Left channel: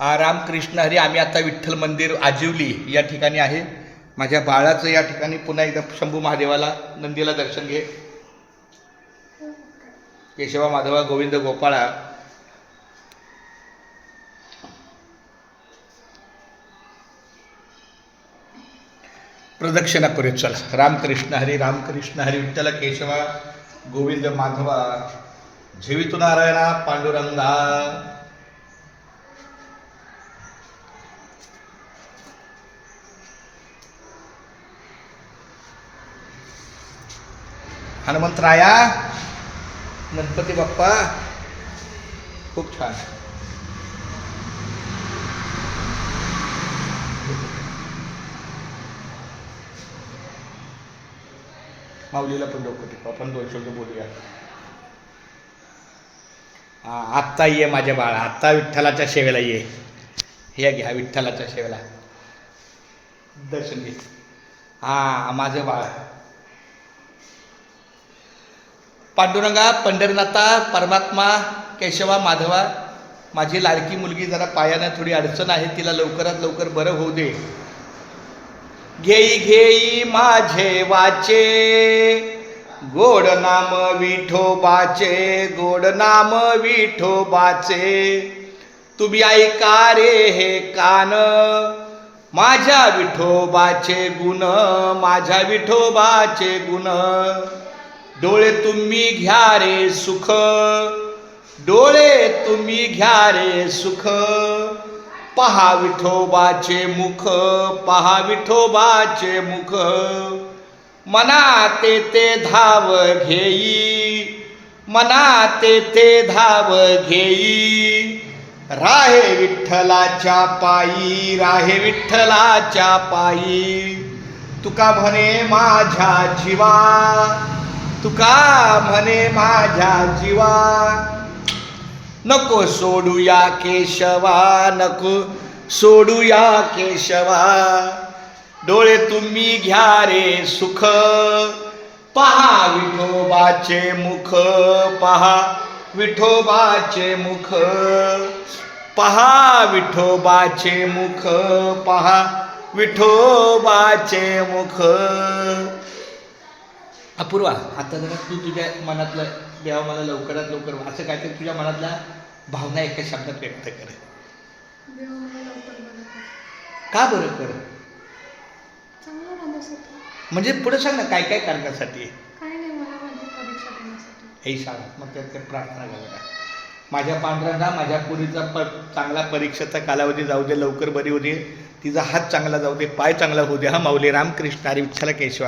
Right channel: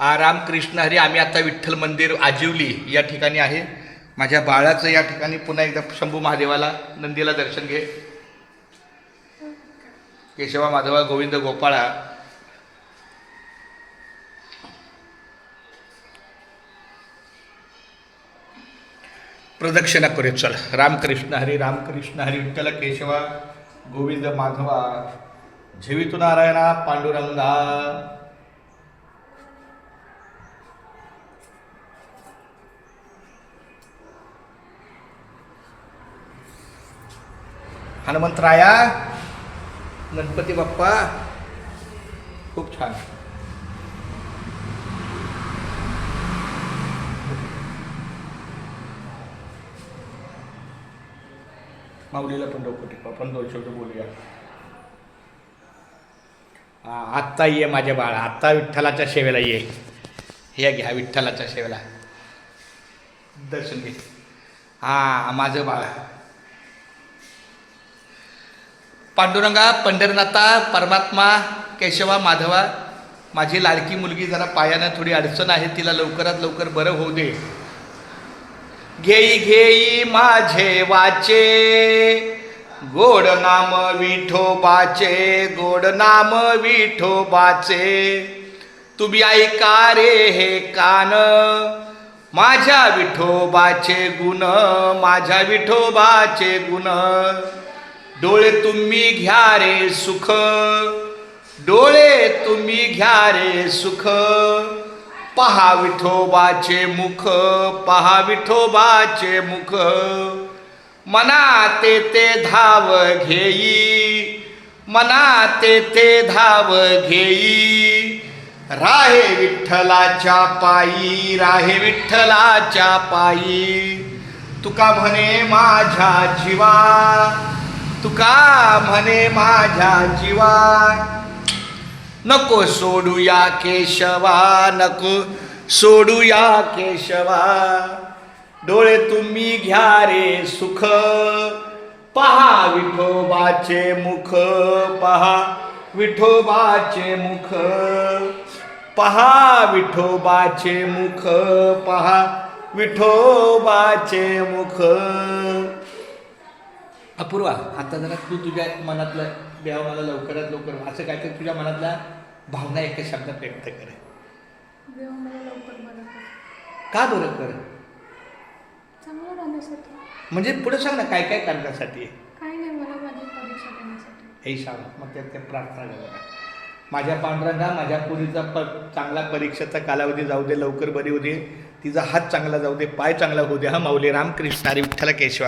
रामकृष्ण हरी आम्ही आता विठ्ठल मंदिर आजिवली या ठिकाणी आहे. माझ्या बाळाचं या ठिकाणी पुन्हा एकदा शंभू महादेवाला नंदीला दर्शन घे. केशवा माधवा गोविंद गोपाळा. प्रदक्षिणा करूया चला. रामकृष्ण हरी रामकृष्ण हरी विठ्ठल केशवा गोविंद माधवा. झेवितू नारायणा पांडुरंगा. हनुमंतराया गणपती बाप्पा खूप छान. माऊलीला पण डोकं टिकू आपण दोन शब्द बोलूया. हा आत्ता ये माझ्या बाळा आत्ता विठ्ठलाच्या सेवेला ये. हे घ्या विठ्ठलाच्या सेवेला दर्शन घे. हा माझं बाळ. पांडुरंगा पंढरनाथा परमात्मा केशवा माधवा माझी लाडकी मुलगी जरा पायानं थोडी अडचण आहे तिला लवकरात लवकर बरं होऊ दे. घेई घेई माझे वाचे गोड नाम विठोबाचे गोड नाम विठोबाचे तुम्ही ऐका रे हे कान माझ्या विठोबाचे गुण माझ्या विठोबाचे गुण. डोळे तुम्ही घ्या रे सुख. डोळे तुम्ही घ्या रे सुख. पहा विठोबाचे मुख पहा विठोबाचे मुख. मना ते ते धाव घेई मना ते ते धाव घेई. राहे विठ्ठलाच्या पायी राहे विठ्ठलाच्या पायी. तुका म्हणे माझ्या जीवा तुका म्हणे माझ्या जीवा. नको सोडूया केशवा नको सोडूया केशवा. डोळे तुम्ही घ्या रे सुख. पहा विठोबाचे मुख पहा विठोबाचे मुख. पहा विठोबाचे मुख पहा विठोबाचे मुख. अपूर्वा. आता जरा तू तुझ्या मनातलं देवा मला लवकरात लवकर असं काहीतरी तुझ्या मनातल्या भावना एका शब्दात व्यक्त कर. देव मला लवकर बरं कर. का बरं कर? म्हणजे पुढे सांग ना काय काय करण्यासाठी? हे सांग मग त्यात काय प्रार्थना करा माझ्या पांढऱ्यांना माझ्या पुरीचा प चांगला परीक्षेचा कालावधी जाऊ दे लवकर बरी होऊ दे. तिचा हात चांगला जाऊ दे पाय चांगला होऊ दे. हा माऊली रामकृष्ण हरी विठ्ठल केशवा.